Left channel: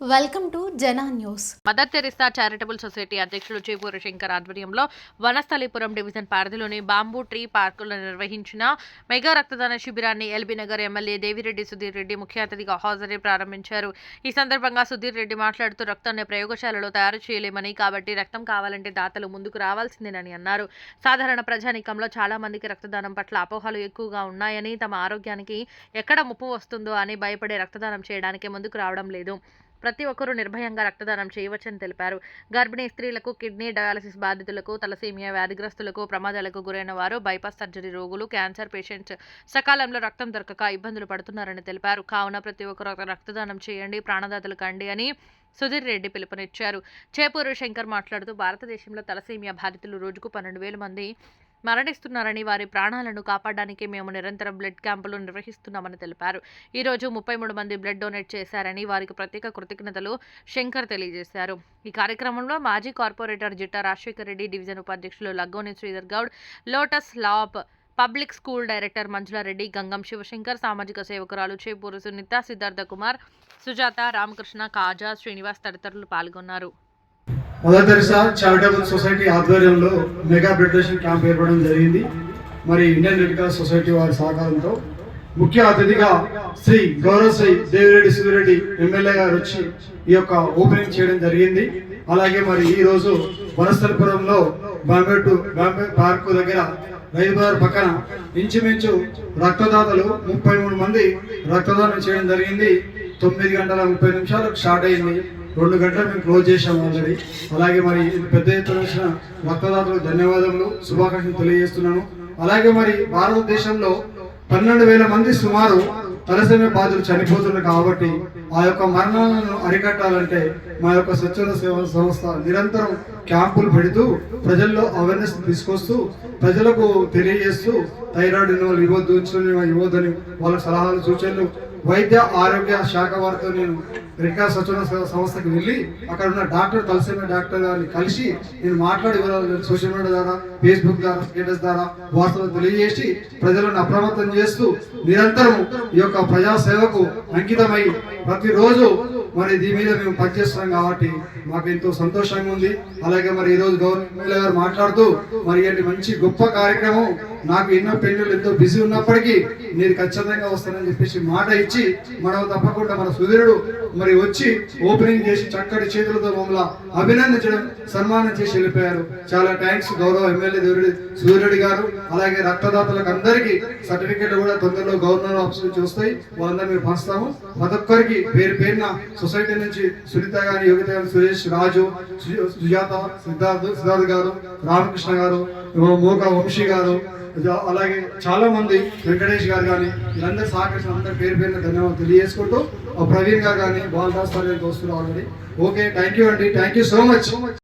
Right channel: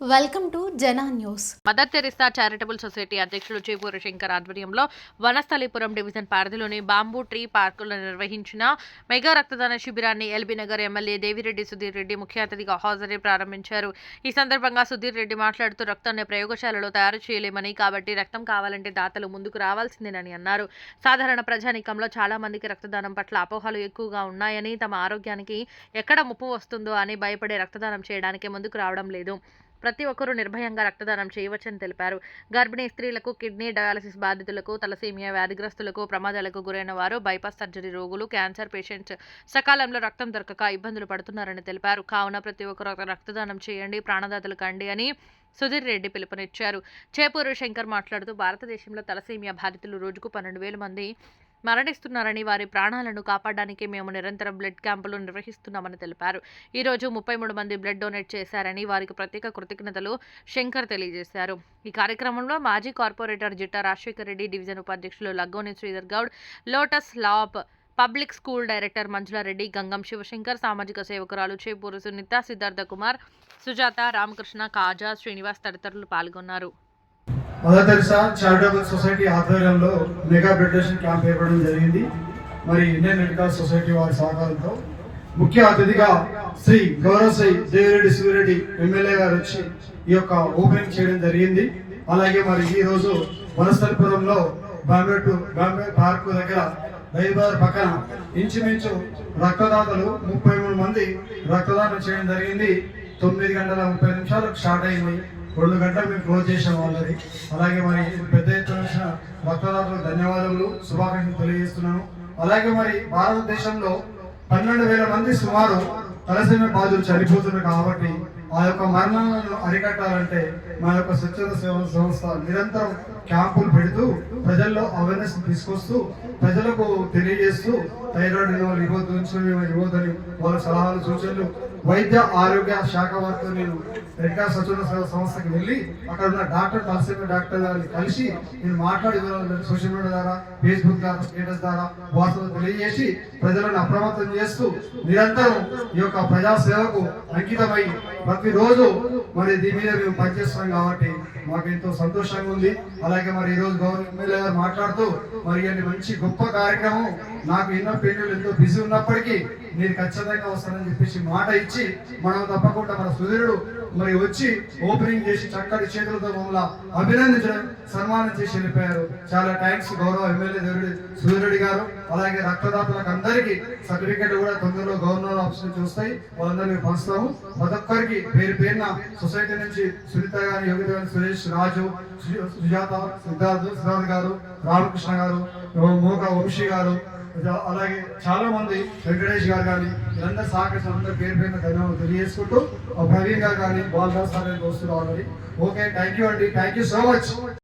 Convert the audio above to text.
Welcome to Jana news. Mother Teresa charitable society అధ్యక్షులు చేపూరి శంకర్ ఆధ్వర్యంలో Vanasthalipuram division పరిధిలోని బాంబూ ట్రీ పార్కులో నిర్వహించిన మెగా రక్తదాన శిబిరాన్ని ఎల్బీ నగర్ ఎమ్మెల్యే దేవిరెడ్డి సుధీర్ రెడ్డి ముఖ్య అతిథిగా హాజరై ప్రారంభించారు. ఈ సందర్భంగా సుధీర్ రెడ్డి మాట్లాడుతూ రక్తాన్ని ప్రయోగశాలలో తయారు చేయలేమని కాబట్టి రక్తం కావాలంటే దాతలు ముందుకు రావాల్సిందేనని అన్నారు. సాధారణ ప్రజానీకంలో చాలా మందికి రక్తదానం పట్ల అపోహలు ఎక్కువగా ఉన్నాయని తమ ఆరోగ్యానికి ఎక్కడ ముప్పు వస్తుందో అని భయపడే రక్తదానం చేయడానికి ముందుకు రావడం లేదు. ప్రతి ఒక్కరూ నిర్భయంగా రక్తదానం చేయవచ్చని తెలిపారు. గర్భిణీ స్త్రీలకు కిడ్నీ డయాలసిస్ బాధితులకు తలసీమియా వ్యాధిగ్రస్తులకు ప్రమాదాలకు గురైన వారు బైపాస్ సర్జరీ రోగులు క్యాన్సర్ పేషెంట్స్ సకాలంలో రక్తం దొరకక ఇబ్బందులు పడుతున్నారని తెలిపారు. కావున ప్రతి ఒక్కరు రక్తదానం చేయండి ప్రాణదాతలు కండి అని సుధీర్ రెడ్డి పిలుపునిచ్చారు. చేపూరు శంకర్ మాట్లాడుతూ భారతదేశంలో తలసీమియా బాధితులు రోజుకు పన్నెండు వేల మంది మరణిస్తున్నారని వారి ప్రాణాలను కాపాడడానికి మేము నిరంతరం బ్లడ్ క్యాంపులు నిర్వహిస్తున్నామని తెలిపారు. ఈ రోజు ముప్పై మూడు మంది బ్లడ్ డొనేట్ చేశారని వారికి ప్రత్యేక కృతజ్ఞతలు శంకర్ తెలియజేశారు. ఈ కార్యక్రమంలో మాజీ కార్పొరేటర్ జిట్టా రాజశేఖర్ రెడ్డి డివిజన్ ఉపాధ్యక్షులు Laggoni Sridhar Goud lotus lap public school director Manjulareddy Gangam Shivashankar సామాజిక సేవకురాలు చేపూరు సునీత సిద్ధార్థ కుమార్ సుజాత రామకృష్ణ కాజా శ్రీనివాస్ తదితరులు పాల్గొన్నారు. చారిటబుల్ సొసైటీ ఆధ్వర్యంలో మెగా బ్లడ్ క్యాంప్ ఏర్పడడం జరిగింది. మరి ఇండియన్ రెడ్ క్రాస్ సొసైటీ వారి సహకారంతో ముఖ్య అతిథిగా శ్రీ గౌరవశ్రీ దేవిరెడ్డి సుధిరెడ్డి ఎమ్మెల్యే గారు వచ్చి ఈ యొక్క ఓపెనింగ్ చేయడం జరిగింది. అలాగే మరి ఈ రోజు వనస్థలపురంలో బాంబే టు బాంబే పార్క్ దగ్గర రైతుబార్ పక్కన ఇంచుమించు రక్తదాతలు ముప్పై మూడు మంది రక్తదానం చేయడం జరిగింది. తొమ్మిది గంటల ముప్పై నిమిషాలకు స్టార్ట్ అయింది. రెండు గంటలు మేము క్లోజ్ చేసాం ఆల్రెడీ. అలాగే మరి పెద్ద ఎత్తున వచ్చిన రక్తదాతలకు ధన్యవాదాలు శుభాకాంక్షలు తెలియజేస్తున్నాను. అలాగే మరి భారతదేశంలో పన్నెండు వేల మంది సుమారు తలసేమ బాధలు చనిపోతున్నారు కాబట్టి ఆ యొక్క మరణాలను అరికట్టాలంటే మా యొక్క స్వచ్ఛంద సేవా సంస్థ నిరంతరం క్యాంపులు పెడుతూ ప్రజల్లో అవేర్నెస్ తీసుకొస్తూ ప్రజలకు తెలియజేస్తూ థైరాయిడ్ ఇవ్వద్దు ఇవ్వద్దని వాళ్ళ సలహాలు సూచనలు వైద్య ఆరోగ్య శాఖ వారితో నేను రెడ్ స్వచ్ఛంద సేవ సంస్థకి వెళ్ళి అక్కడ ఉన్న డాక్టర్ తలసైన డాక్టర్ గారిని కలిసి నేను మాట్లాడి సోషల్ మీడియా ద్వారా ఫేస్బుక్ ద్వారా స్టేటస్ ద్వారా వార్తలు తెలియజేసి ప్రజలను అప్రమత్తం చేస్తూ నిరంతరం ఈ యొక్క ప్రజాసేవకు అంకితమై ప్రతిరోజు మరి దీని మీద మేము పనిచేస్తున్నాం కాబట్టి మాకు ఎంతో సంతోషంగా ఉంది. అలాగే మరి ఈ రోజు గౌరవ ఎమ్మెల్యే గారు మాట్లాడుతూ మరి ఇలాంటి మంచి గొప్ప కార్యక్రమం నాకు ఎన్నో పెళ్ళిళ్ళు ఎంతో బిజీ ఉన్నప్పటికీ నేను ఖచ్చితంగా వస్తానని చెప్పేసి మాట ఇచ్చి మనం తప్పకుండా మన సుధీరుడు మరి వచ్చి ఓపెనింగ్ చేసి చక్కటి చేతులతో మమ్మల్ని అభినందించడం సన్మానం చేసి వెళ్ళిపోయారు. చాలా థ్యాంక్స్ గౌరవ ఎమ్మెల్యే దేవుడి సూర్యుడి గారు అలాగే రక్తదాతలకు అందరికీ సర్టిఫికెట్ కూడా తొందరలో గవర్నర్ ఆఫీస్ నుంచి వస్తాయి. వాళ్ళందరూ మేము పంచుతాము. ప్రతి ఒక్కరికి పేరు పేరున సొసైటీ నుంచి సునీత గారి యోగిత గారు సురేష్ రాజు సుజాత సిద్ధార్థ్ సిద్ధార్థ్ గారు రామకృష్ణ గారు మోక వంశీ గారు అలాగే చాలా మంది వెంకటేష్ గారు కానీ వీళ్ళందరూ సహకరించిన అందరి పేరు పేరున ధన్యవాదాలు తెలియజేసుకుంటూ ప్రవీణ్ గారు కానీ బాలరాజ్ సార్ వస్తున్నారు ఆల్రెడీ. ఓకే థ్యాంక్ యూ అండి. Thank you so much.